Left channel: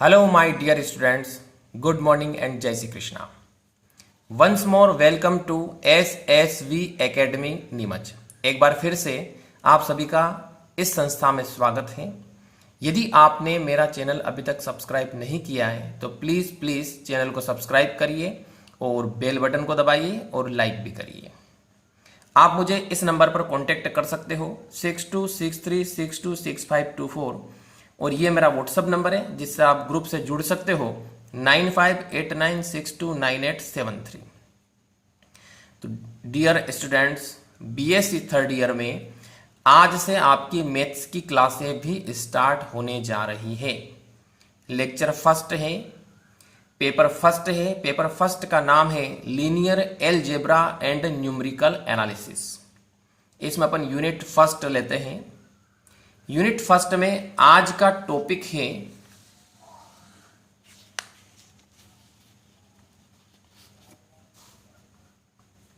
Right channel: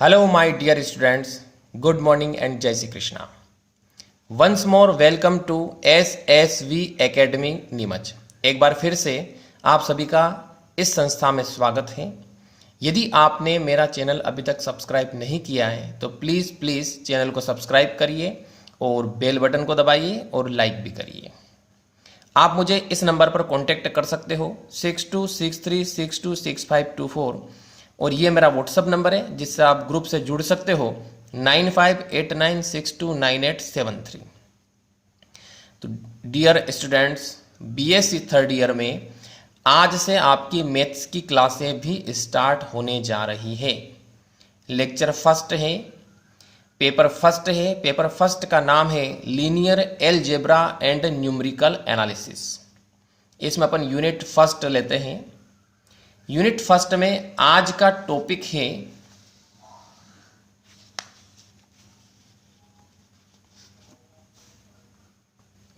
Hello, my dear students. Good morning and Jai Shri Krishna. Once more, welcome to SSV Academy Neemuch. एक बार फिर से आप सभी का इस संस्था में स्वागत है। यदि आपने मेरा चैनल अभी तक सब्सक्राइब नहीं किया है तो प्लीज़ चैनल को सब्सक्राइब करिए और बेल बटन को दबाइए और लाइक भी करिए। आप मुझे इस नंबर पर कांटेक्ट कर सकते हो 6263626524 और ये मेरा व्हाट्सअप नंबर है जिससे आप ग्रुप से जुड़ सकते हो 9589629873। तो dear students, BSc third year में आज से आपकी मैथ्स की क्लासें भी स्टार्ट होने जा रही है। लेक्चर फर्स्ट है, पेपर फर्स्ट है। पेपर फर्स्ट का नाम है linear algebra and numerical analysis. इसमें अपन यूनिट फर्स्ट लेते हैं। यूनिट फर्स्ट में आज का टॉपिक है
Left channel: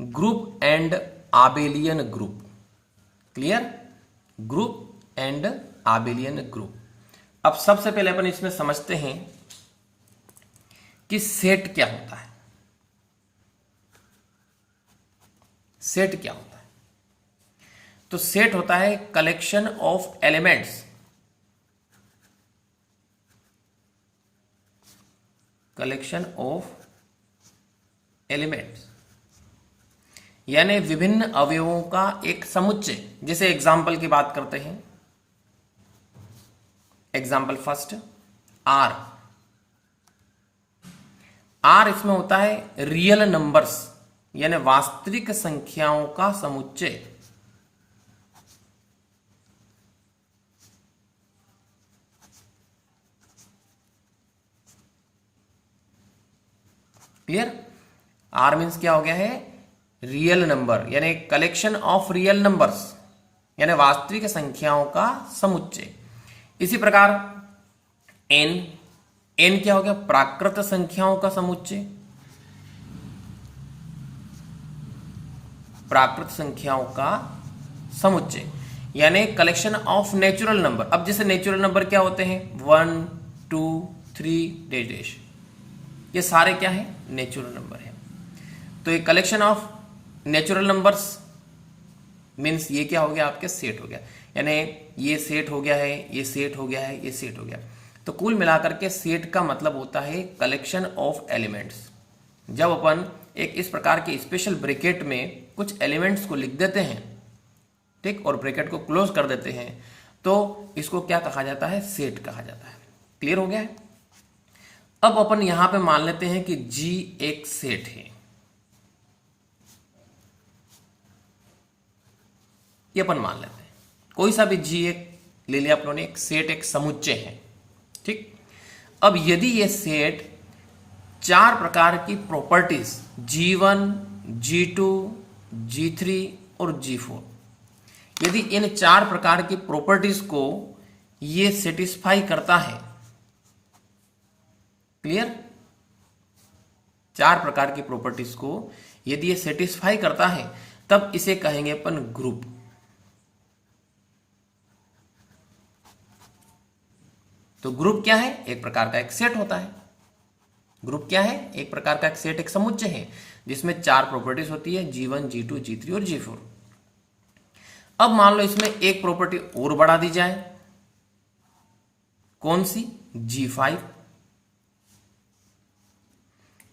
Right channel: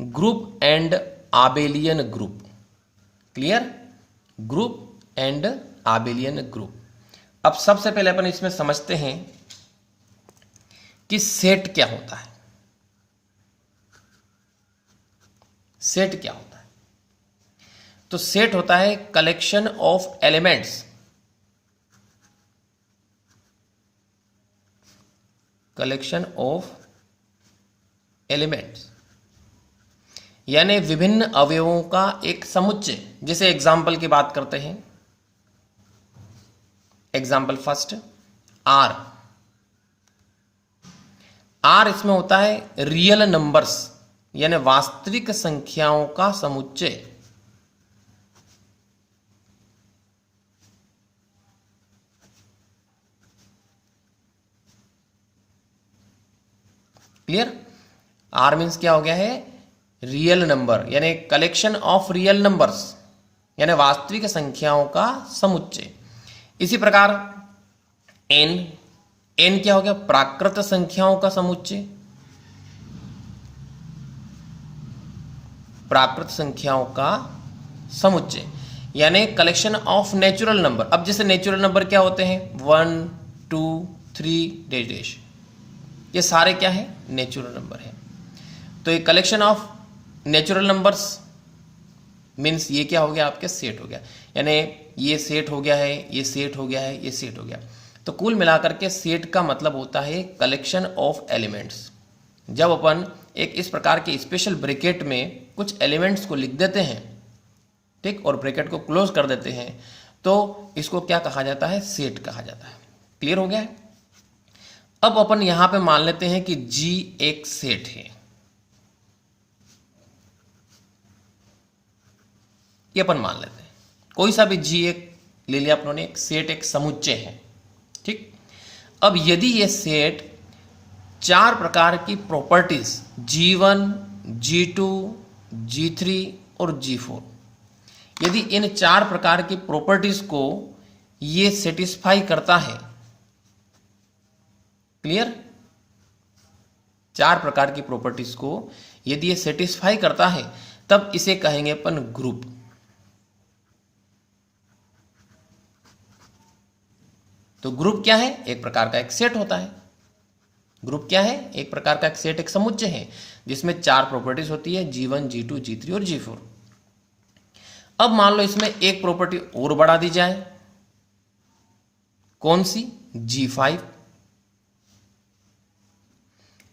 group and abelian group. Clear? Group and abelian group. अब सबसे पहले अपन इसमें समझते हैं कि सेट क्या होता है। सेट क्या होता है? तो सेट होता है collection of elements, collection of elements यानी विभिन्न अवयवों का एक समुच्चय। जैसे एग्जाम्पल की बात करते हैं, एग्जाम्पल फर्स्ट आर। आर इसमें होता है रियल नंबर्स यानी वास्तविक संख्याओं का समुच्चय। क्लियर? आर मीन्स क्या हो गया है? रियल नंबर यानी कलेक्शन ऑफ रियल नंबर्स यानी वास्तविक संख्याओं का समुच्चय। इसी प्रकार एन, एन क्या हो गया? प्राकृत संख्याओं का समुच्चय, प्राकृत संख्याओं का समुच्चय यानी कलेक्शन ऑफ नेचुरल नंबर। अब जैसे नेचुरल नंबर क्या होते हैं? 1 2 3 डैश डैश, ये सारे क्या है? नेचुरल नंबर है। तो ये collection of natural numbers means ये क्या हो गया? आपके सेट हो गया। यानी ये सेट हो गया है, ये सेट हो गया है, ये सेट हो गया। तो कुल मिलाकर के सेट का मतलब होता है कलेक्शन ऑफ एलिमेंट्स। जब अपन एक इस प्रकार के स्पेशल ब्रैकेट में कुछ एलिमेंट्स को लिख देते हैं, ठीक, और ब्रैकेट को क्लोज कर देते हैं, तो इसको क्या कहा जाता है? सेट कहा जाता है। क्लियर हो गया है? अब अपन यहां पे मान लेते हैं कि जी एक सेट है। ये अपन मान लेते हैं, कोई सा भी जी एक ले लिया अपन ने, एक सेट एक समुच्चय है। ठीक, अब यदि ये सेट चार प्रकार की प्रॉपर्टीज G1, G2, G3 और G4, यदि इन चार प्रकार की प्रॉपर्टीज को ये सेटिस्फाई करता है, क्लियर, चार प्रकार की प्रॉपर्टीज को यदि ये सेटिस्फाई करता है तब इसे कहेंगे अपन ग्रुप। तो ग्रुप क्या है? एक प्रकार का एक सेट होता है। ग्रुप क्या है? एक प्रकार का एक सेट, एक समुच्चय है जिसमें चार प्रॉपर्टीज होती है G1, G2, G3 और G4। अब मान लो इसमें एक प्रॉपर्टी और बढ़ा दी जाए, कौन सी? G5।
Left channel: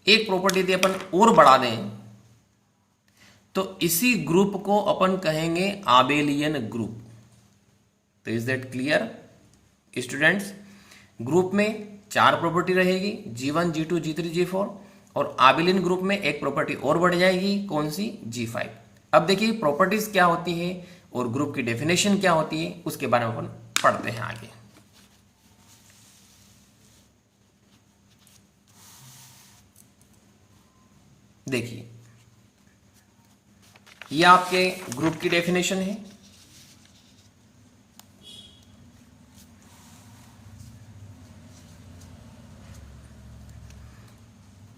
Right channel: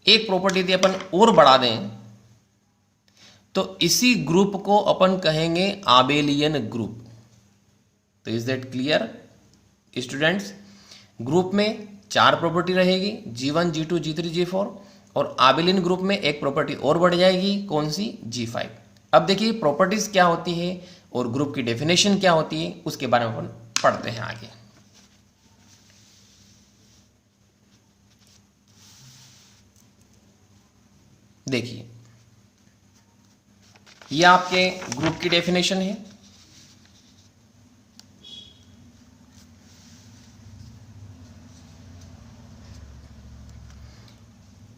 एक प्रॉपर्टी यदि अपन और बढ़ा दें तो इसी ग्रुप को अपन कहेंगे आबेलियन ग्रुप। तो is that clear students? Group में चार प्रॉपर्टी रहेगी G1, G2, G3, G4 और आबेलियन ग्रुप में एक प्रॉपर्टी और बढ़ जाएगी, कौन सी? G5। अब देखिए प्रॉपर्टीज क्या होती है और ग्रुप की डेफिनेशन क्या होती है, उसके बारे में अपन पढ़ते हैं आगे। देखिए ये आपके ग्रुप की डेफिनेशन है।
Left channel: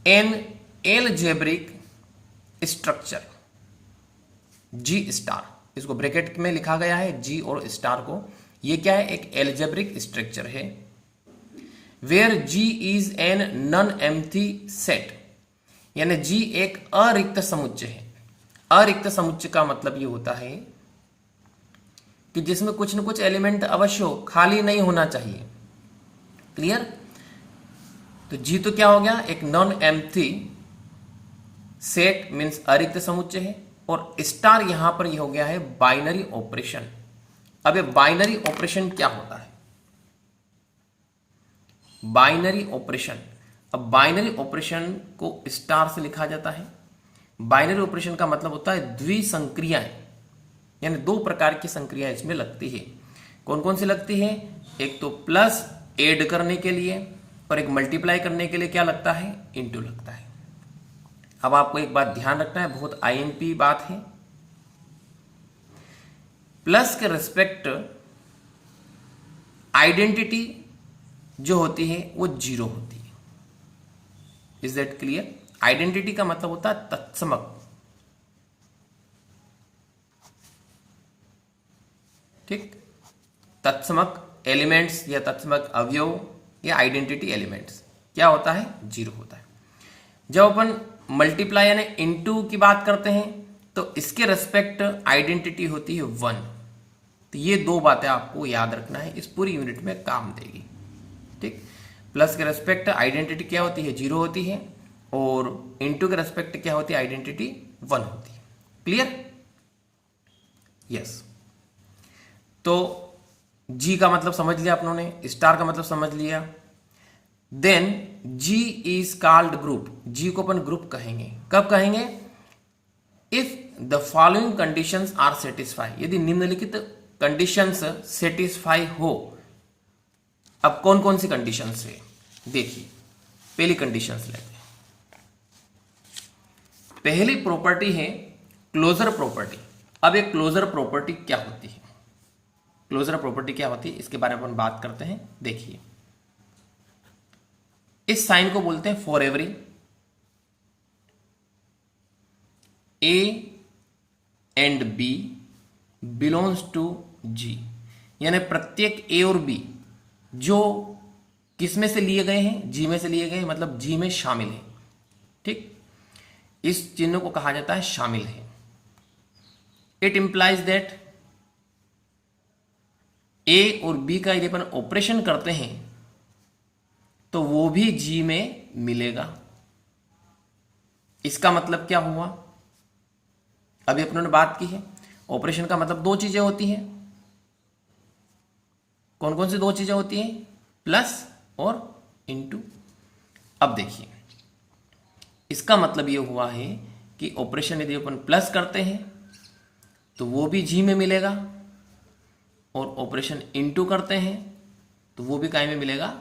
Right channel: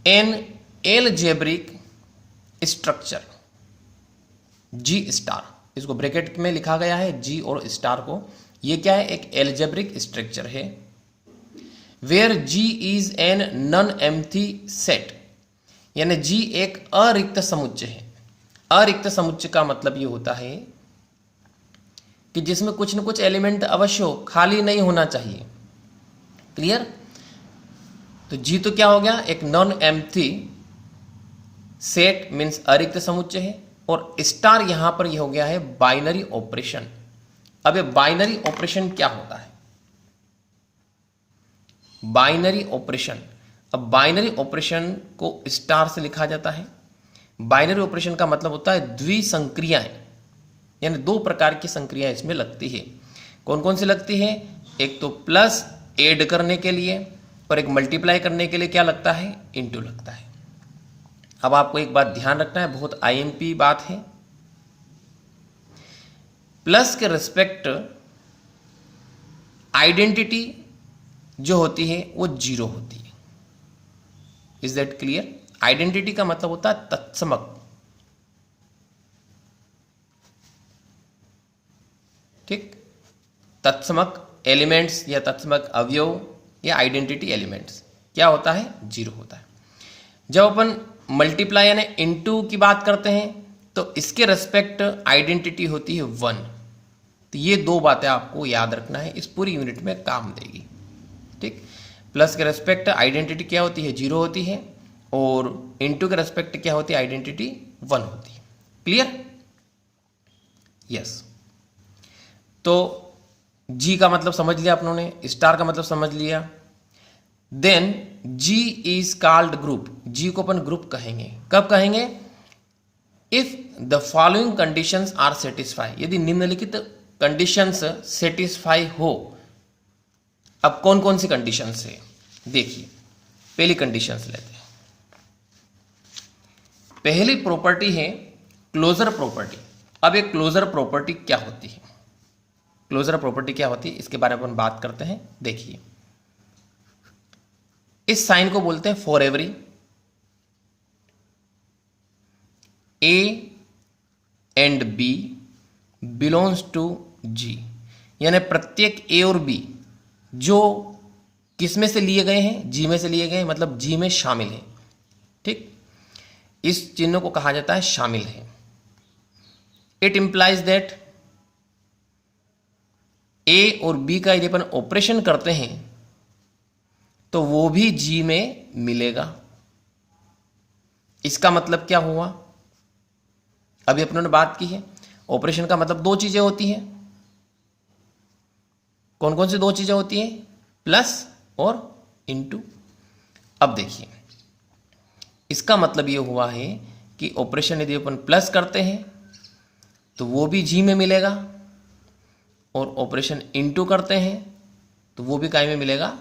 एन एलजेब्रिक स्ट्रक्चर जी स्टार, इसको ब्रैकेट में लिखा गया है जी और स्टार को। ये क्या है? एक एलजेब्रिक स्ट्रक्चर है where G is an non empty set, यानी जी एक अरिक्त समुच्चय है। अरिक्त समुच्चय का मतलब ये होता है कि जिसमें कुछ न कुछ एलिमेंट अवश्य हो, खाली नहीं होना चाहिए। क्लियर? तो जी तो क्या हो गया, एक नॉन एम्प्टी सेट मीन्स अरिक्त समुच्चय है, और स्टार यहां पर यह हो गया है बाइनरी ऑपरेशन। अब ये बाइनरी ऑपरेशन क्या होता है? बाइनरी ऑपरेशन, अब बाइनरी ऑपरेशन को स्टार से लिखा जाता है। बाइनरी ऑपरेशन का मतलब होता है द्विसंक्रियाएं, यानी दो प्रकार की संक्रियाएं इसमें लगती है। कौन कौन सी लगती है? एक तो प्लस ऐड करने के लिए, और एक मल्टीप्लाई करने के लिए क्या लगता है? इनटू लगता है। अब आपको एक बात ध्यान रखना है, बहुत आईएमपी बात है। प्लस के रिस्पेक्ट आइडेंटिटी जो होती है वो जीरो होती है। Is that clear? आइडेंटिटी का मतलब होता है तत्समक। ठीक, तत्समक एलिमेंट्स या तत्समक अवयव या आइडेंटिटी एलिमेंट्स क्या होता है? जीरो होता है। जब अपन मल्टीप्लाई यानी इनटू की बात करते हैं तो इसके रेस्पेक्ट आइडेंटिटी होती है वन। तो ये दो बातें आपको याद रखना है, इस पूरी यूनिट में काम देगी। ठीक, प्लस के रेस्पेक्ट आइडेंटिटी क्या होती है? जीरो होती है, और इनटू के रेस्पेक्ट क्या होती है? आइडेंटिटी वन होती है। क्लियर? यस। तो जी का मतलब समझ लिया अपनों ने, स्टार का मतलब समझ लिया। Then G is called group. G को अपन ग्रुप कहेंगे। कब कहेंगे? If the following conditions are satisfy, यदि निम्नलिखित कंडीशंस सेटिस्फाई हो। अब कौन कौन सी कंडीशंस है देखिए, पहली कंडीशंस लेते हैं। पहली प्रॉपर्टी है क्लोजर प्रॉपर्टी। अब एक क्लोजर प्रॉपर्टी क्या होती है? क्लोजर प्रॉपर्टी क्या होती है इसके बारे में अपन बात करते हैं। देखिए, इस साइन को बोलते हैं for every A and B belongs to G, यानी प्रत्येक ए और बी जो किस में से लिए गए हैं? जी में से लिए गए हैं, मतलब जी में शामिल है। ठीक, इस चिन्ह को कहा जाता है शामिल है। इट इंप्लाइज दैट ए और बी का यदि अपन ऑपरेशन करते हैं तो वो भी जी में मिलेगा। इसका मतलब क्या हुआ? अभी अपनों ने बात की है, ऑपरेशन का मतलब दो चीजें होती हैं। कौन कौन सी दो चीजें होती हैं? प्लस और इनटू। अब देखिए, इसका मतलब ये हुआ है कि ऑपरेशन यदि अपन प्लस करते हैं तो वो भी जी में मिलेगा, और ऑपरेशन इनटू करते हैं तो वो भी काय में मिलेगा?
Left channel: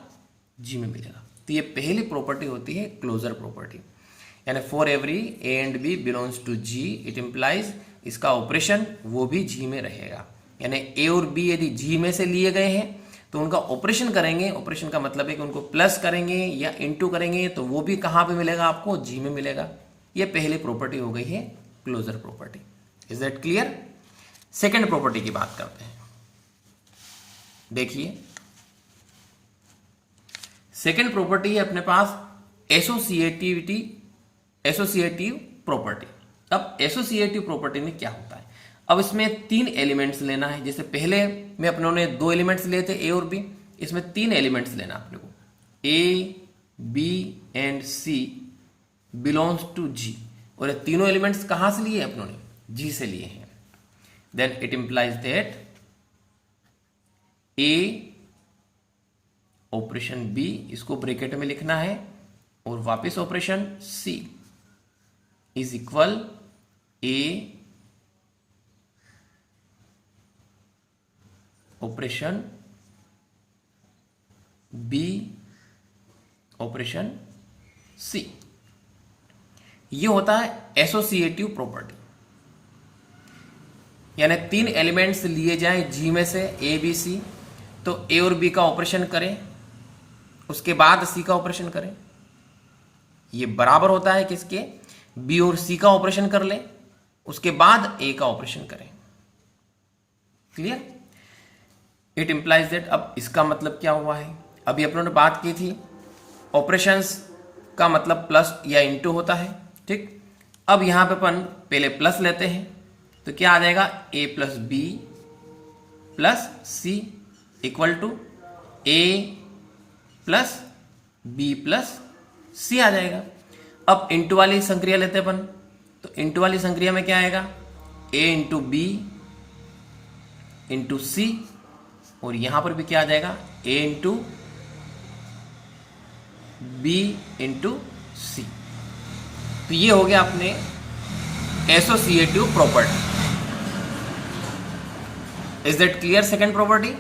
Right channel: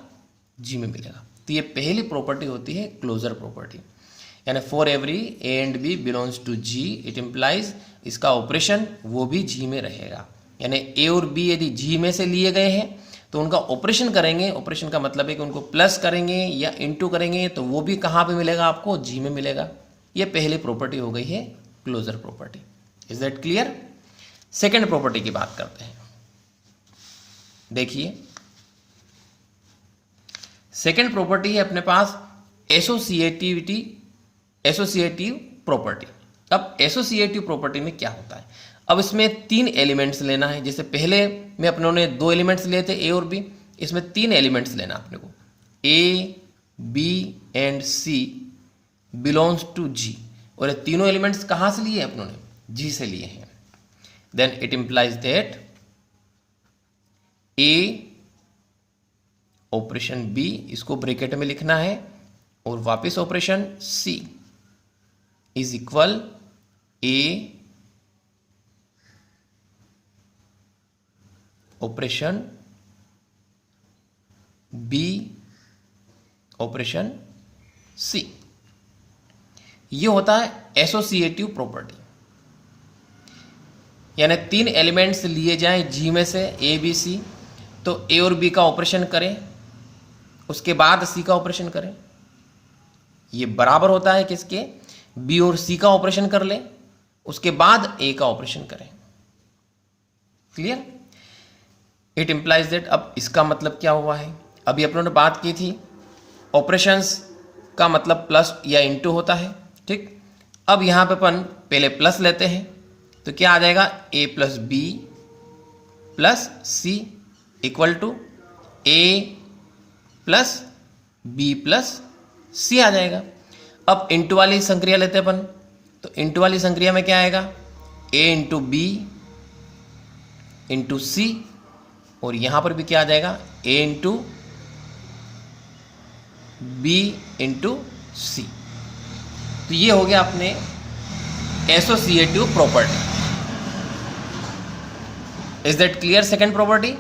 जी में मिलेगा। तो ये पहली प्रॉपर्टी होती है क्लोजर प्रॉपर्टी, यानी for every A and B belongs to G, it implies इसका ऑपरेशन वो भी जी में रहेगा। यानी ए और बी यदि जी में से लिए गए हैं तो उनका ऑपरेशन करेंगे, ऑपरेशन का मतलब है कि उनको प्लस करेंगे या इनटू करेंगे तो वो भी कहाँ पे मिलेगा? आपको जी में मिलेगा। ये पहली प्रॉपर्टी हो गई है closure property. Is that clear? Second property की बात करते हैं। देखिए, सेकेंड प्रॉपर्टी है अपने पास एसोसिएटिविटी, एसोसिएटिव प्रॉपर्टी। अब एसोसिएटिव प्रॉपर्टी में क्या होता है? अब इसमें तीन एलिमेंट्स लेना है। जैसे पहले में अपनों ने दो एलिमेंट्स लिए थे ए और बी, इसमें तीन एलिमेंट्स लेना अपने को। A B and C belongs to G, और ये तीनों एलिमेंट्स कहां से लिए अपनों ने? जी से लिए हैं। Then it implies that A operation B, इसको ब्रैकेट में लिखना है, और वापस operation C is equal A operation B operation C. ये होता है एसोसिएटिव प्रॉपर्टी। यानी तीन एलिमेंट्स लिए जाएं जी में से ए बी सी, तो ए और बी का ऑपरेशन करें, उसके बाद सी का ऑपरेशन करें। ये बराबर होता है किसके? बी और सी का ऑपरेशन कर ले, उसके बाद ए का ऑपरेशन करें। क्लियर? इट इंप्लाइज दैट, अब इसका मतलब क्या हुआ है? अभी अपन ने बात की थी ऑपरेशंस का मतलब प्लस या इनटू होता है, ठीक। अब यहां पे अपन पहले प्लस लेते हैं तो क्या आ जाएगा, a plus B plus C equal to a plus B plus C आ जाएगा। अब इंटू वाली संक्रिया लेते हैं अपन, तो इंटू वाली संक्रिया में क्या आएगा, a इंटू बी इंटू सी, और यहां पर भी क्या आ जाएगा, a इंटू बी इंटू सी। तो ये हो गया अपने associative property. Is that clear? Second property.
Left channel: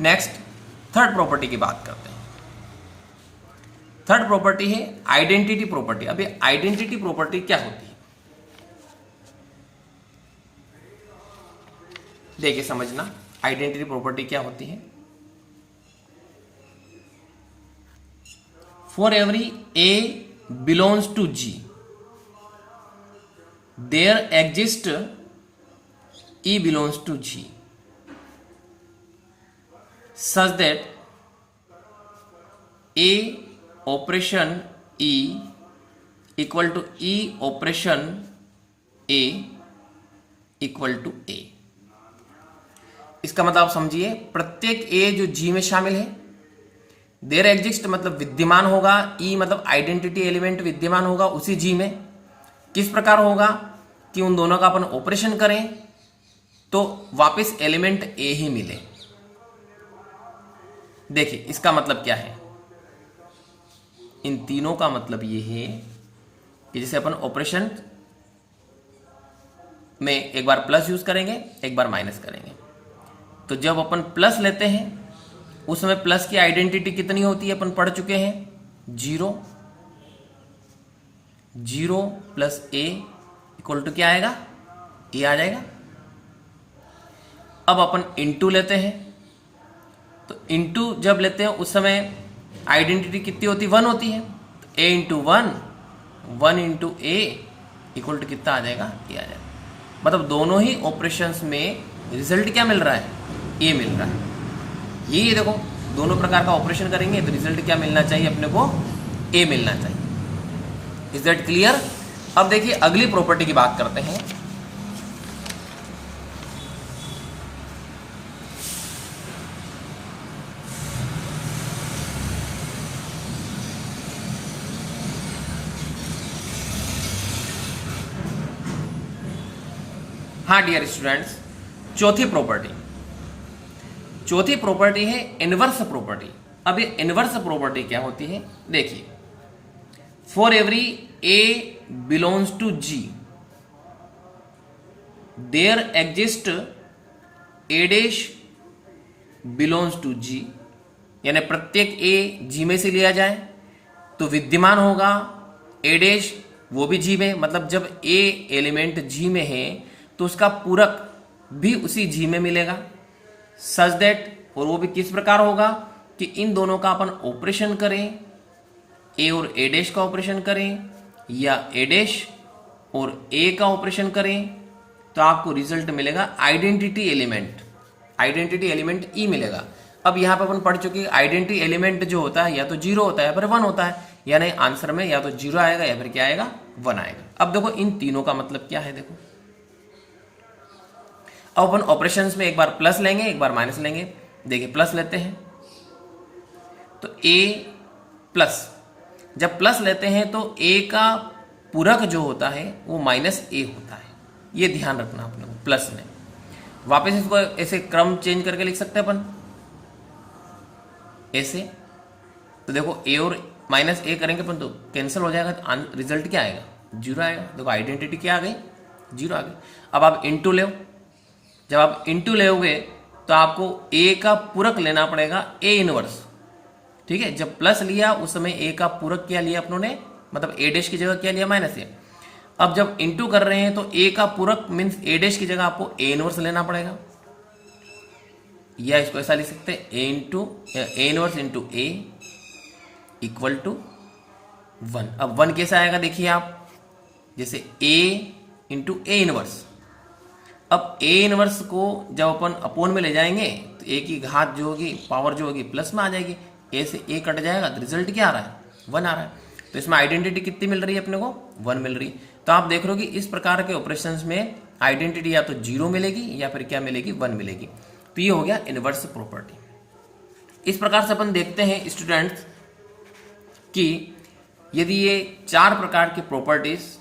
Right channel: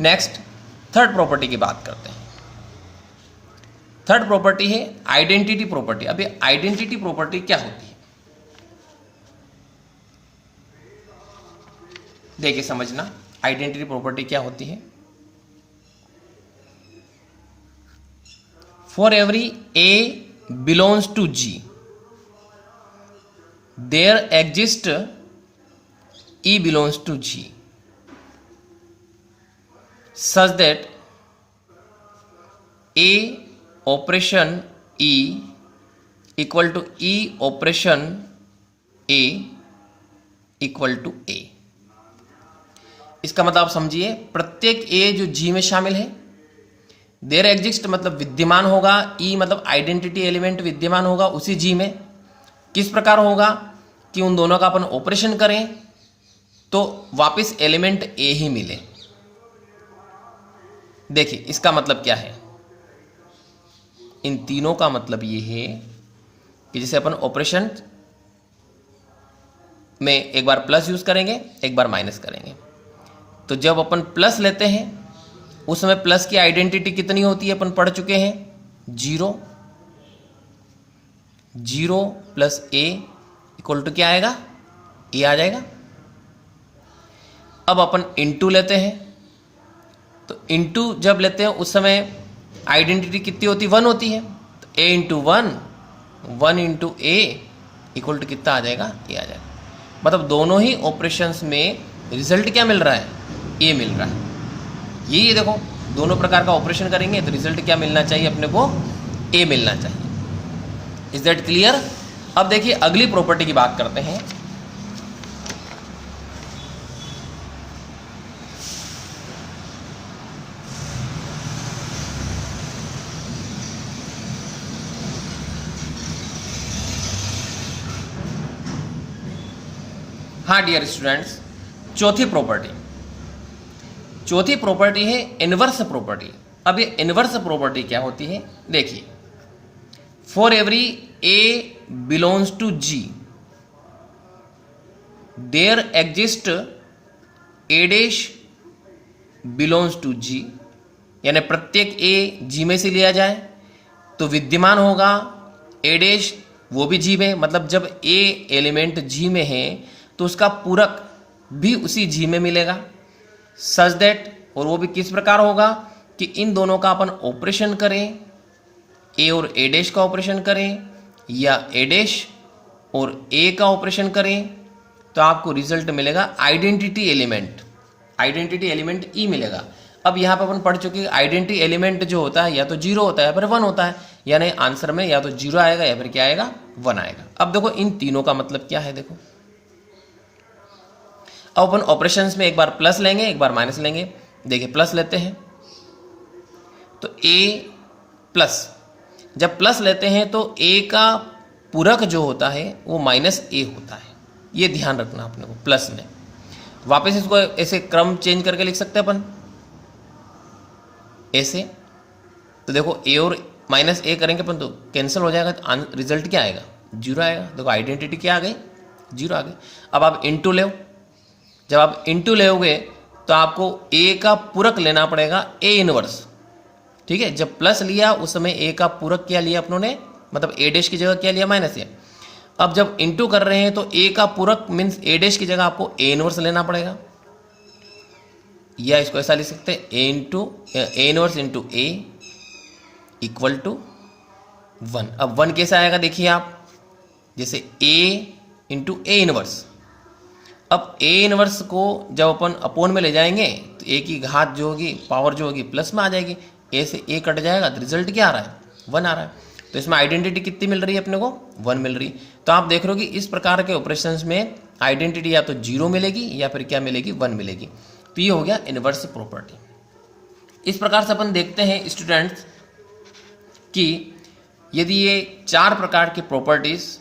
Next third property की बात करते हैं। थर्ड प्रॉपर्टी है आइडेंटिटी प्रॉपर्टी। अब ये आइडेंटिटी प्रॉपर्टी क्या होती है, देखिए समझना। आइडेंटिटी प्रॉपर्टी क्या होती है, for every A belongs to G there exists E belongs to G such that A operation E equal to E operation A equal to A। इसका मतलब आप समझिए, प्रत्येक A जो G में शामिल है, देयर एग्जिस्ट मतलब विद्यमान होगा, ई मतलब आइडेंटिटी एलिमेंट विद्यमान होगा उसी जी में। किस प्रकार होगा कि उन दोनों का अपन ऑपरेशन करें तो वापस एलिमेंट ए ही मिले। देखिए इसका मतलब क्या है, इन तीनों का मतलब ये है कि जैसे अपन ऑपरेशन में एक बार प्लस यूज करेंगे, एक बार माइनस करेंगे, तो जब अपन प्लस लेते हैं उस समय प्लस की आइडेंटिटी कितनी होती है, अपन पढ़ चुके हैं, 0 0 प्लस ए इक्वल टू क्या आएगा, ए आ जाएगा। अब अपन इनटू लेते हैं, तो इनटू जब लेते हैं उस समय आइडेंटिटी कितनी होती, 1 होती है, तो A into 1 1 into A equal to कितना आ जाएगा, ए आ जाएगा। मतलब दोनों ही ऑपरेशंस में रिजल्ट क्या मिल रहा है, ए मिल रहा है। ये देखो दोनों प्रकार का ऑपरेशन करेंगे तो रिजल्ट क्या मिलना चाहिए अपने को, ए मिलना चाहिए। Is that clear? अब देखिए अगली प्रॉपर्टी की बात करते हैं। हाँ डियर स्टूडेंट्स, चौथी प्रॉपर्टी है इनवर्स प्रॉपर्टी। अब ये इनवर्स प्रॉपर्टी क्या होती है, देखिए, for every A belongs to G there exist A dash belongs to G, यानी प्रत्येक ए जी में से लिया जाए तो विद्यमान होगा ए डैश वो भी जी में। मतलब जब ए एलिमेंट जी में है तो उसका पूरक भी उसी जी में मिलेगा, सच दैट, और वो भी किस प्रकार होगा कि इन दोनों का अपन ऑपरेशन करें, ए और ए डैश का ऑपरेशन करें या ए डैश और ए का ऑपरेशन करें तो आपको रिजल्ट मिलेगा आइडेंटिटी एलिमेंट ई मिलेगा। अब यहाँ पर अपन पढ़ चुके आइडेंटिटी एलिमेंट जो होता है या तो 0 होता है या फिर 1 होता है, यानी आंसर में या तो 0 आएगा या फिर क्या आएगा, 1 आएगा। अब देखो इन तीनों का मतलब क्या है, देखो अब अपन ऑपरेशंस में एक बार प्लस लेंगे एक बार माइनस लेंगे। देखिए प्लस लेते हैं तो a प्लस, जब प्लस लेते हैं तो a का पूरक जो होता है वो माइनस a होता है, ये ध्यान रखना अपने को प्लस में। वापस इसको ऐसे क्रम चेंज करके लिख सकते हैं अपन ऐसे, तो देखो a और माइनस a करेंगे अपन तो कैंसिल हो जाएगा, तो रिजल्ट क्या आएगा, 0 आएगा। देखो आइडेंटिटी क्या आ गई, 0 आ गई। अब आप इंटू ले, जब आप इंटू लेोगे तो आपको a का पूरक लेना पड़ेगा a इनवर्स, ठीक है। जब प्लस लिया उस समय a का पूरक क्या लिया अपनों ने, मतलब a डैश की जगह क्या लिया, माइनस a। अब जब इंटू कर रहे हैं तो a का पूरक मीन्स a डैश की जगह आपको a इनवर्स लेना पड़ेगा, या इसको ऐसा लिख सकते हैं a inverse into a equal to 1। अब 1 कैसा आएगा देखिए आप, जैसे a इंटू a इनवर्स। अब a इनवर्स को जब अपन अपोन में ले जाएंगे तो a की घात जो होगी, पावर जो होगी, प्लस में आ जाएगी, ए से ए कट जाएगा तो रिजल्ट क्या आ रहा है, 1 आ रहा है। तो इसमें आइडेंटिटी कितनी मिल रही है अपने को, 1 मिल रही। तो आप देख रहे हो कि इस प्रकार के ऑपरेशंस में आइडेंटिटी या तो 0 मिलेगी या फिर क्या मिलेगी, 1 मिलेगी। तो ये हो गया इनवर्स प्रॉपर्टी। इस प्रकार से अपन देखते हैं स्टूडेंट्स कि यदि ये 4 प्रकार की प्रॉपर्टीज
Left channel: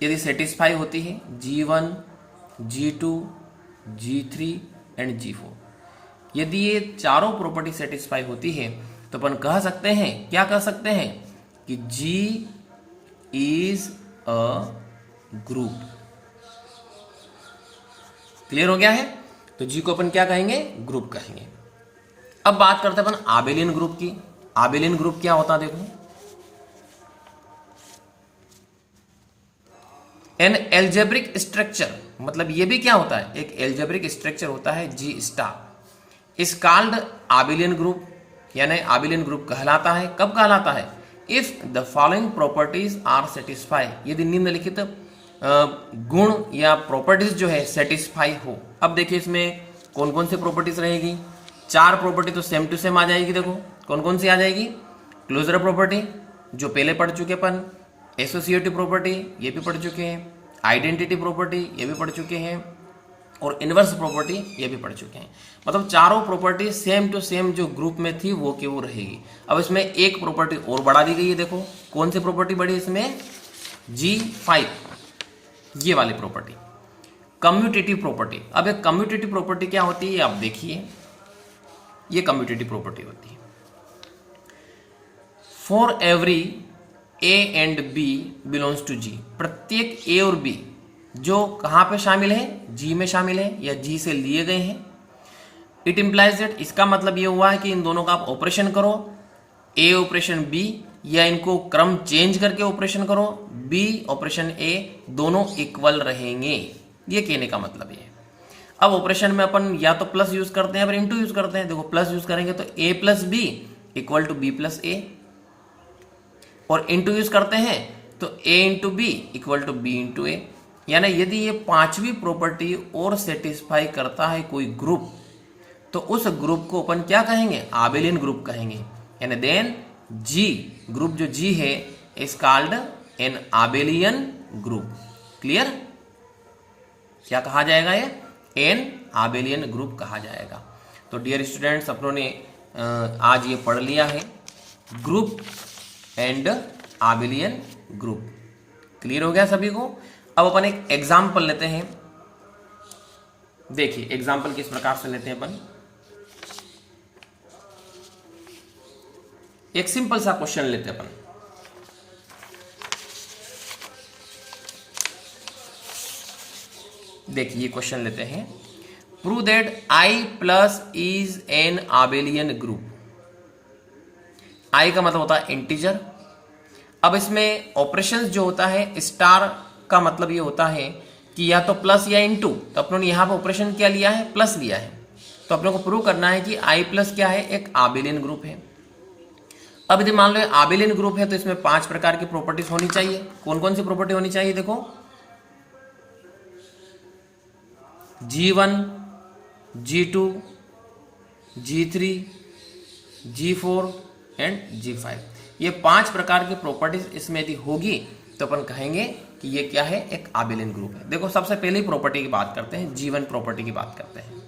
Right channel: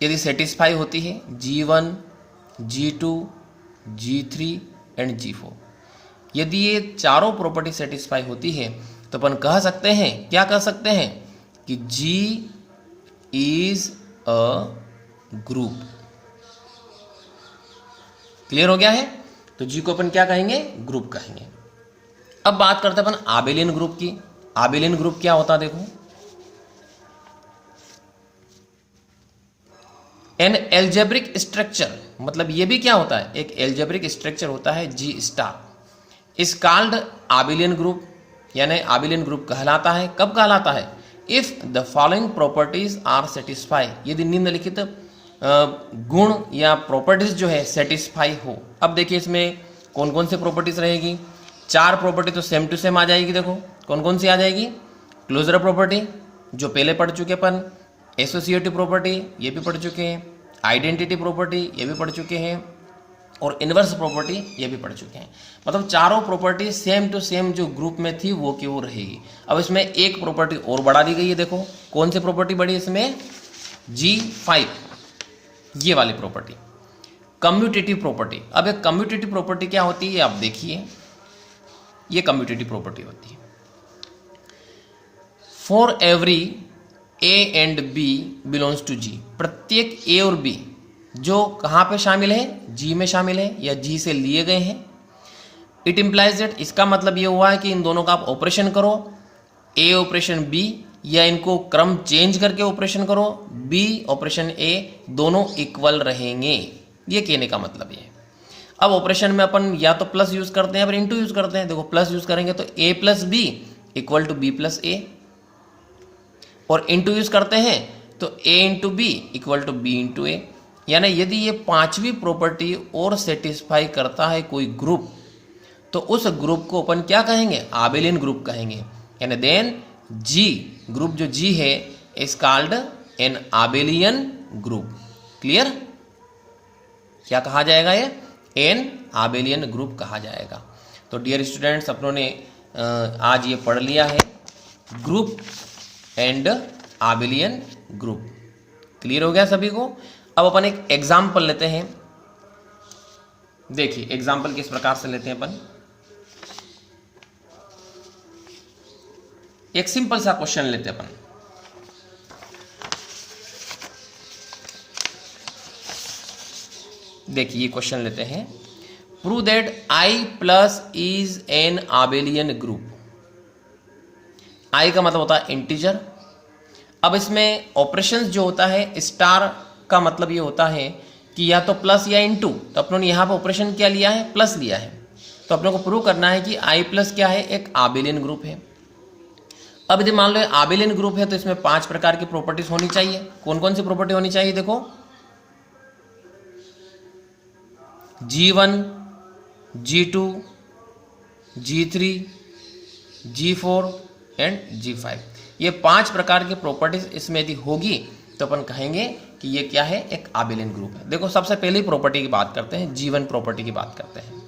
यदि सेटिस्फाई होती है, G1, G2, G3 and G4, यदि ये चारों प्रॉपर्टी सेटिस्फाई होती है तो अपन कह सकते हैं, क्या कह सकते हैं कि G is a group. Clear हो गया है? तो G को अपन क्या कहेंगे, ग्रुप कहेंगे। अब बात करते हैं अपन आबेलियन ग्रुप की। आबेलियन ग्रुप क्या होता है, देखो, एन एल्जेब्रिक स्ट्रक्चर, मतलब ये भी क्या होता है, एक एल्जेब्रिक स्ट्रक्चर होता है G star, is called abelian group, यानी आबेलियन ग्रुप कहलाता है। कब कहलाता है, if the following properties are satisfy, यदि निम्नलिखित गुण या प्रॉपर्टीज जो है सेटिस्फाई हो। अब देखिए इसमें कौन कौन सी प्रॉपर्टीज रहेगी, 4 प्रॉपर्टी तो सेम टू सेम आ जाएगी। देखो कौन कौन सी आ जाएगी, क्लोजर प्रॉपर्टी जो पहले पढ़ चुके अपन, एसोसिएटिव प्रॉपर्टी ये भी पढ़ चुके हैं, आइडेंटिटी प्रॉपर्टी ये भी पढ़ चुके हैं, और इनवर्स प्रॉपर्टी ये भी पढ़ चुके हैं। मतलब चारों प्रॉपर्टी सेम टू सेम जो ग्रुप में थी वो की वो रहेगी। अब इसमें एक प्रॉपर्टी और बढ़ा दी गई है, देखो कौन सी प्रॉपर्टी बढ़ी इसमें, G5, ये वाली प्रॉपर्टी, कम्यूटेटिव प्रॉपर्टी। अब एक कम्यूटेटिव प्रॉपर्टी क्या होती है, आप देखिए, ये कम्यूटेटिव प्रॉपर्टी होती है, for every A and B belongs to G, प्रत्येक A और B जो कहाँ पे शामिल है, G में शामिल है या G से लिए गए हैं। इट इम्प्लाइज दैट, इसका मतलब ये हुआ है कि इन दोनों का आप ऑपरेशन करो, A ऑपरेशन B, या इनको क्रम चेंज करके ऑपरेशन करो, B ऑपरेशन A, दोनों इक्वल रहेंगे, ये कहने का मतलब ये है। अब ऑपरेशन में अपन या तो प्लस यूज करते हैं या फिर इंटू यूज करते हैं। देखो प्लस यूज करेंगे तो A plus B equal to B plus A, और इंटू यूज करते हैं तो A into B equal to B into A। यानी यदि ये 5वीं प्रॉपर्टी और सेटिस्फाई करता है कोई ग्रुप, तो उस ग्रुप को अपन क्या कहेंगे, आबेलियन ग्रुप कहेंगे। यानी देन G, ग्रुप जो G है is called an abelian group. Clear? क्या कहा जाएगा, ये एन आबेलियन ग्रुप कहा जाएगा। तो डियर स्टूडेंट्स, अपनों ने आज ये पढ़ लिया है group and abelian group. Clear हो गया सभी को? अब अपन एक एग्जाम्पल लेते हैं। देखिए एग्जाम्पल किस प्रकार से लेते हैं अपन। एक सिंपल सा क्वेश्चन लेते हैं अपन। देखिए ये क्वेश्चन लेते हैं, prove that I plus is an abelian group. I का मतलब होता है इंटीजर। अब इसमें ऑपरेशंस जो होता है, स्टार का मतलब ये होता है कि या तो प्लस या इनटू, तो अपनों ने यहाँ पर ऑपरेशन क्या लिया है, प्लस लिया है। तो अपनों को प्रूव करना है कि I प्लस क्या है, एक आबेलियन ग्रुप है। अब यदि मान लो आबेलियन ग्रुप है तो इसमें 5 प्रकार की प्रॉपर्टीज होनी चाहिए। कौन कौन सी प्रॉपर्टी होनी चाहिए, देखो, G1, G2, G3, G4 and G5, ये 5 प्रकार की प्रॉपर्टीज इसमें यदि होगी तो अपन कहेंगे कि ये क्या है, एक आबेलियन ग्रुप है। देखो सबसे पहली प्रॉपर्टी की बात करते हैं, G1 प्रॉपर्टी की बात करते हैं।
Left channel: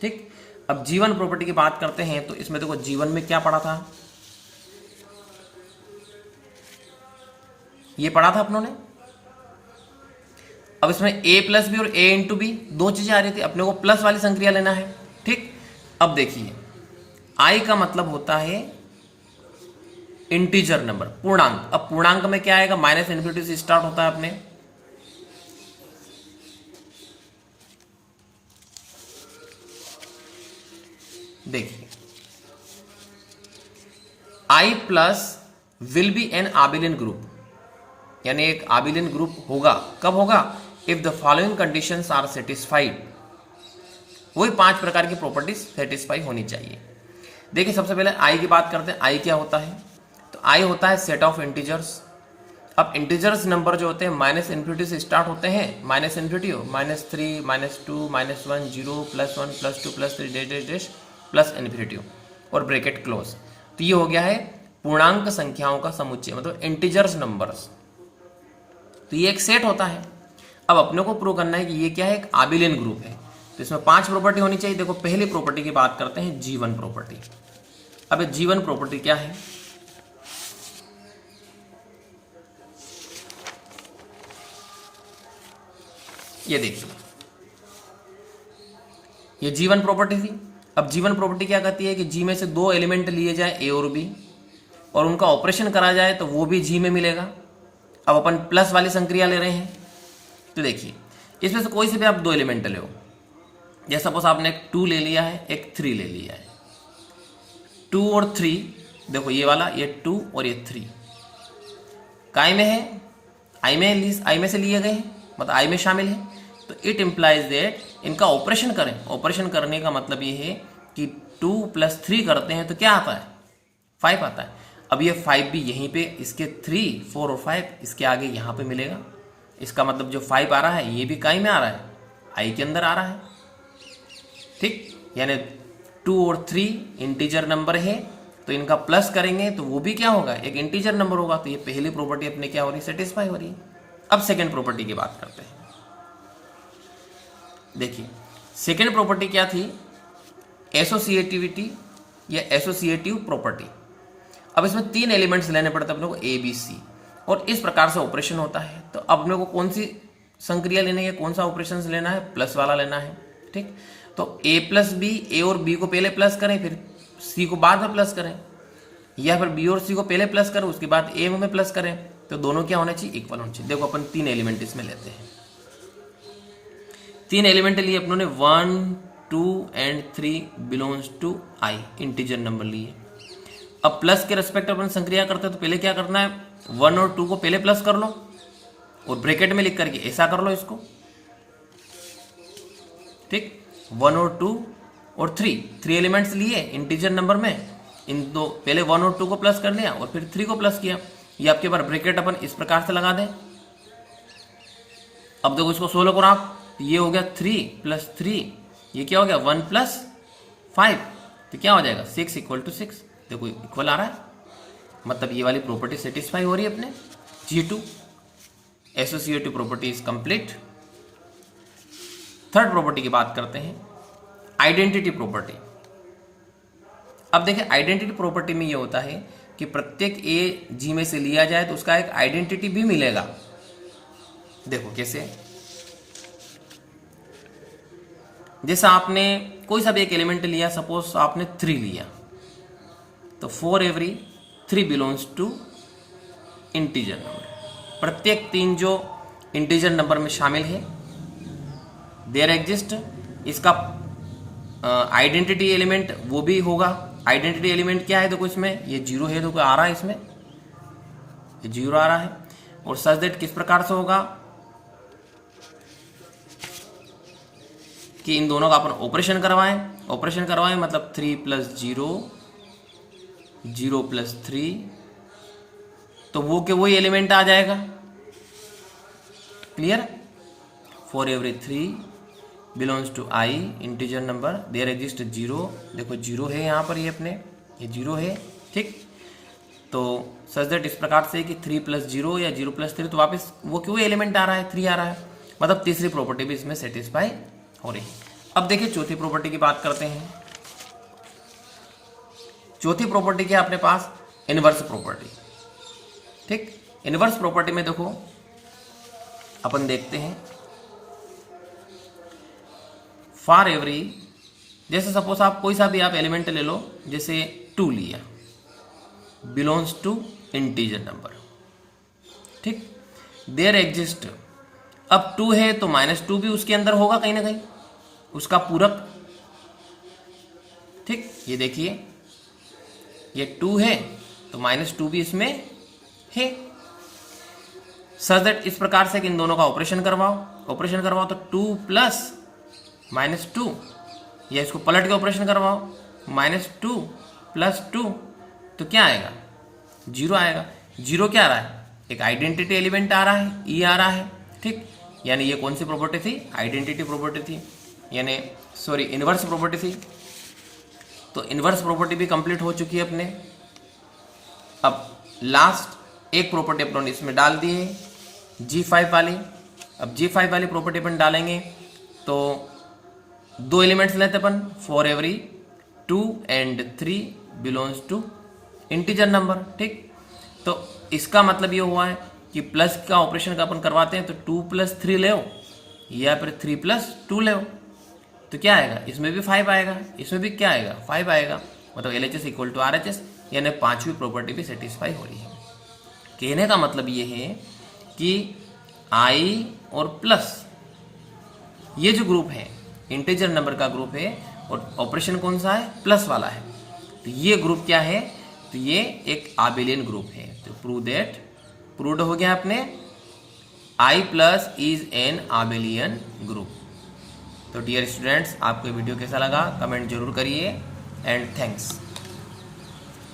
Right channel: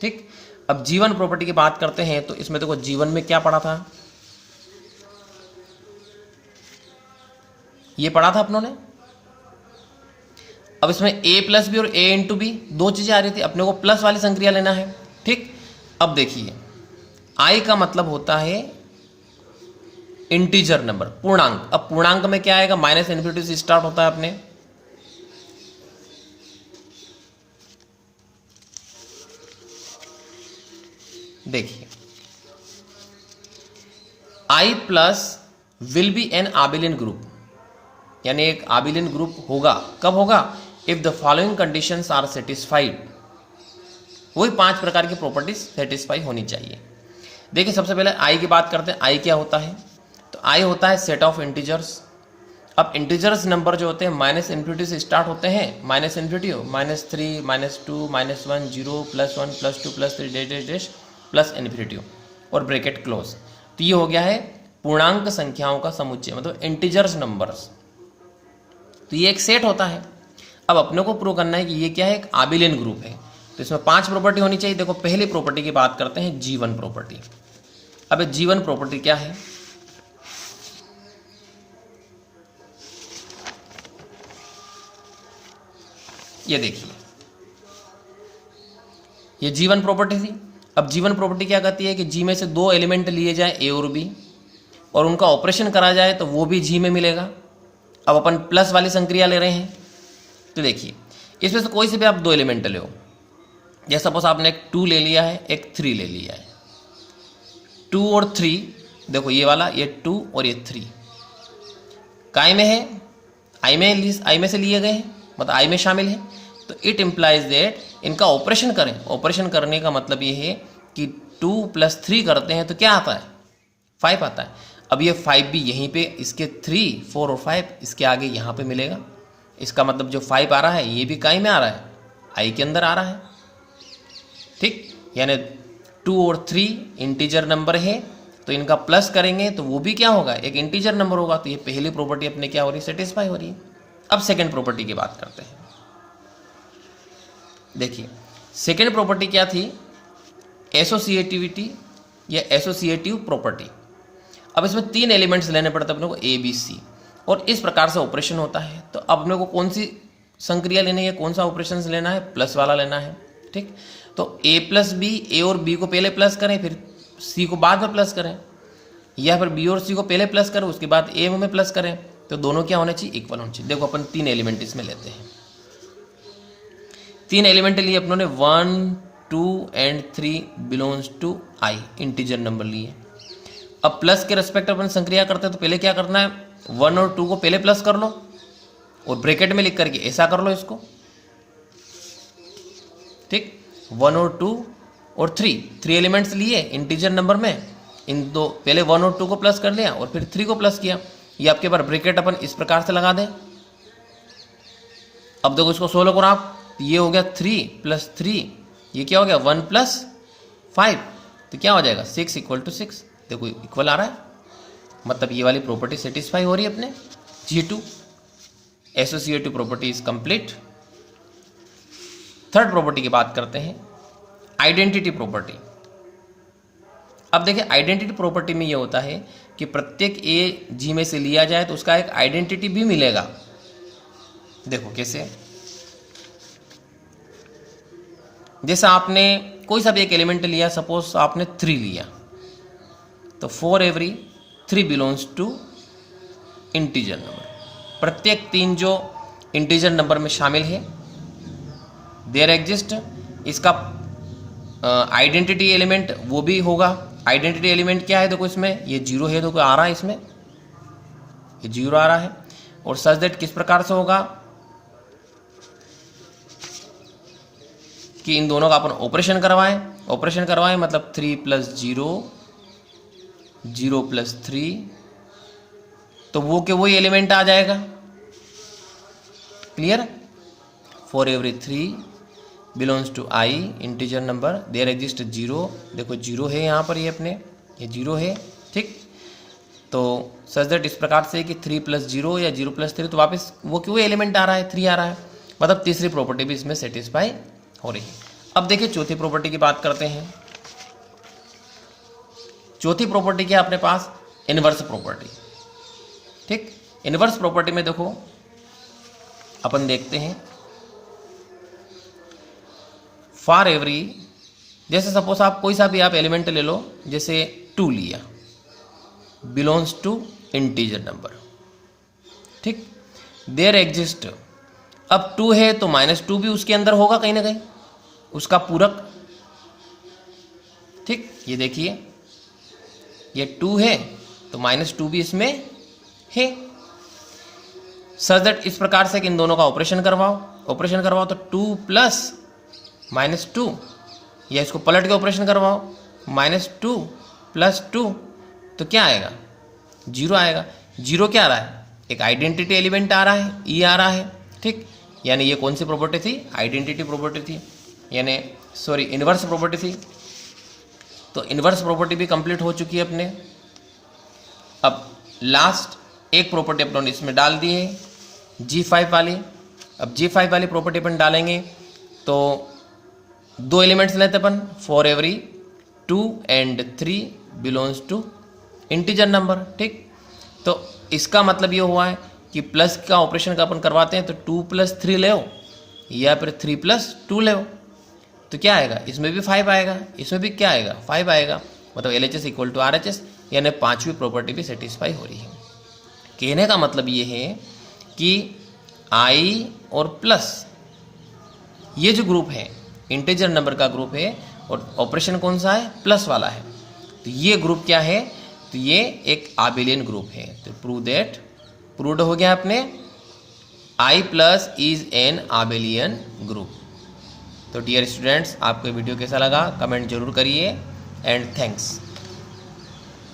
ठीक, अब G1 प्रॉपर्टी की बात करते हैं तो इसमें देखो G1 में क्या पढ़ा था, ये पढ़ा था अपनों ने। अब इसमें A प्लस बी और A इंटू बी, 2 चीजें आ रही थी, अपने को प्लस वाली संक्रिया लेना है। ठीक, अब देखिए I का मतलब होता है इंटीजर नंबर, पूर्णांक। अब पूर्णांक में क्या आएगा, माइनस इन्फिनिटी से स्टार्ट होता है अपने। देखिए I plus will be an abelian group, यानी एक आबेलियन ग्रुप होगा। कब होगा, if the following conditions are satisfied. वही 5 प्रकार की प्रॉपर्टीज सेटिस्फाई होनी चाहिए। देखिए सबसे पहले I की बात करते हैं। I क्या होता है, तो I होता है सेट ऑफ इंटीजर्स। अब इंटीजर्स नंबर जो होते हैं माइनस इन्फिनिटी से स्टार्ट होते हैं, माइनस इन्फिनिटी हो, -3, -2, -1, 0, +1, +2, +3, dash dash dash plus infinity हो। और ब्रैकेट क्लोज। तो ये हो गया है पूर्णांक संख्याओं का समुच्चय, मतलब इंटीजर्स नंबर्स। तो ये एक सेट होता है। अब अपने को प्रूव करना है कि ये क्या है, एक आबिलियन ग्रुप है। तो इसमें 5 प्रॉपर्टी होनी चाहिए। देखो पहली प्रॉपर्टी की बात करते हैं, G1 प्रॉपर्टी। अब G1 प्रॉपर्टी क्या है, ये देखिए, ये G1 प्रॉपर्टी थी। अब G1 प्रॉपर्टी क्या कहती है कि G में से 2 एलिमेंट लिए जाए A और B, और उनका ऑपरेशन करा जाए तो वो भी G में मिलेगा। अब अपन प्लस वाली संक्रिया ले रहे हैं। तो देखिए इसमें से कोई से भी आप 2 एलिमेंट लो, जैसे सपोज आपने एक 2 ले लिया है, एक 3 ले लिया है। 2 और 3, देखो ये वाला, ये 2 और ये 3 काय में है, आई में से लिए गए हैं, मतलब आई में शामिल है। तो इट इम्प्लाइज दैट इनका ऑपरेशन करें। ऑपरेशन करने का मतलब ये है कि 2 + 3 करते हैं तो क्या आता है, 5 आता है। अब ये 5 भी यहीं पे इसके 3, 4 और 5 इसके आगे यहाँ पे मिलेगा। इसका मतलब जो 5 आ रहा है ये भी काय में आ रहा है, आई के अंदर आ रहा है। ठीक, यानी 2 और 3 इंटीजर नंबर है, तो इनका प्लस करेंगे तो वो भी क्या होगा, एक इंटीजर नंबर होगा। तो ये पहली प्रॉपर्टी अपने क्या हो रही है, सेटिस्फाई हो रही है। अब सेकेंड प्रॉपर्टी की बात करते हैं। देखिए सेकेंड प्रॉपर्टी क्या थी, एसोसिएटिविटी या एसोसिएटिव प्रॉपर्टी। अब इसमें 3 एलिमेंट्स लेने पड़ते हैं अपने को, A, B, C, और इस प्रकार से ऑपरेशन होता है। तो अब अपने को कौन सी संक्रिया लेनी है, कौन सा ऑपरेशन लेना है, प्लस वाला लेना है। ठीक, तो A + B, A और B को पहले प्लस करें, फिर C को बाद में प्लस करें, या फिर B और C को पहले प्लस करें उसके बाद A में प्लस करें। तो दोनों क्या होने चाहिए, इक्वल होने चाहिए। देखो अपन 3 एलिमेंट इसमें लेते हैं। 3 एलिमेंट लिए अपनों ने 1, 2 and 3 belongs to I, integer number लिए। अब प्लस के रेस्पेक्ट अपन संक्रिया करते हैं तो पहले क्या करना है, 1 और 2 को पहले प्लस कर लो और ब्रैकेट में लिख करके ऐसा कर लो इसको। ठीक, 1 और 2 और 3 एलिमेंट्स लिए इंटीजर नंबर में, इन दो पहले 1 और 2 को प्लस कर लिया और फिर 3 को प्लस किया। ये आपके पास ब्रैकेट अपन इस प्रकार से लगा दें। अब देखो इसको सोल्व करो आप, ये हो गया 3 + 3, ये क्या हो गया 1 + 5, तो क्या हो जाएगा 6 = 6। देखो इक्वल आ रहा है, मतलब ये वाली प्रॉपर्टी सेटिस्फाई हो रही है अपने G2, associative property is complete. Third property की बात करते हैं, आइडेंटिटी प्रॉपर्टी। अब देखिए आइडेंटिटी प्रॉपर्टी में ये होता है कि प्रत्येक A G में से लिया जाए तो उसका एक आइडेंटिटी भी मिलेगा। देखो कैसे, जैसा आपने कोई सा भी एक एलिमेंट लिया, सपोज आपने 3 लिया, तो for every 3 belongs to integer number. प्रत्येक 3 जो इंटीजर नंबर में शामिल है, देयर एग्जिस्ट इसका आइडेंटिटी एलिमेंट वो भी होगा। आइडेंटिटी एलिमेंट क्या है, देखो इसमें ये 0 है, देखो आ रहा है, इसमें ये 0 आ रहा है। और सच दैट किस प्रकार से होगा कि इन दोनों का अपन ऑपरेशन करवाएं, मतलब 3 + 0, 0 + 3, तो वो के वही एलिमेंट आ जाएगा। Clear, for every 3 belongs to I, integer number, there exist 0, देखो 0 है यहाँ पर, ये अपने ये 0 है। ठीक, तो सच दैट इस प्रकार से कि 3 + 0 या 0 + 3, तो वापस वो क्यों एलिमेंट आ रहा है, 3 आ रहा है, मतलब तीसरी प्रॉपर्टी भी इसमें सेटिस्फाई हो रही है। अब देखिए चौथी प्रॉपर्टी की बात करते हैं। चौथी प्रॉपर्टी क्या है अपने पास, इनवर्स प्रॉपर्टी। ठीक, इनवर्स प्रॉपर्टी में देखो अपन देखते हैं, फॉर एवरी, जैसे सपोज आप कोई सा भी आप एलिमेंट ले लो, जैसे 2 लिया, बिलोंग्स टू इंटीजर नंबर। ठीक, देयर एग्जिस्ट, अब 2 है तो -2 भी उसके अंदर होगा कहीं ना कहीं, उसका पूरक। ठीक, ये देखिए ये 2 है तो -2 भी इसमें है। सच दैट इस प्रकार से कि इन दोनों का ऑपरेशन करवाओ तो 2 + -2, या इसको पलट के ऑपरेशन करवाओ, -2 + 2, तो क्या आएगा 0 आएगा। 0 क्या आ रहा है, एक आइडेंटिटी एलिमेंट आ रहा है, E आ रहा है। ठीक, यानी ये कौन सी प्रॉपर्टी थी, आइडेंटिटी प्रॉपर्टी थी, यानी सॉरी इनवर्स प्रॉपर्टी थी। तो इन्वर्स प्रॉपर्टी भी कंप्लीट हो चुकी है अपने। अब लास्ट एक प्रॉपर्टी अपन इसमें डाल दिए G5 वाली। अब G5 वाली प्रॉपर्टी अपन डालेंगे तो 2 एलिमेंट्स लेते अपन, for every 2 and 3 belongs to integer number. ठीक, तो इसका मतलब ये हुआ है कि प्लस का ऑपरेशन का अपन करवाते हैं तो 2 + 3 ले या फिर 3 + 2 ले, तो क्या आएगा, इसमें भी 5 आएगा, इसमें भी क्या आएगा, 5 आएगा। मतलब LHS = RHS, यानी 5वीं प्रॉपर्टी भी सेटिस्फाई हो रही है। कहने का मतलब ये है कि I और प्लस ये जो ग्रुप है इंटीजर नंबर का ग्रुप है और ऑपरेशन कौन सा है, प्लस वाला है, तो ये ग्रुप क्या है, तो ये एक आबेलियन ग्रुप है। तो प्रूव्ड हो गया अपने I+ is an abelian group. तो डियर स्टूडेंट्स, आपको वीडियो कैसा लगा कमेंट जरूर करिए एंड थैंक्स।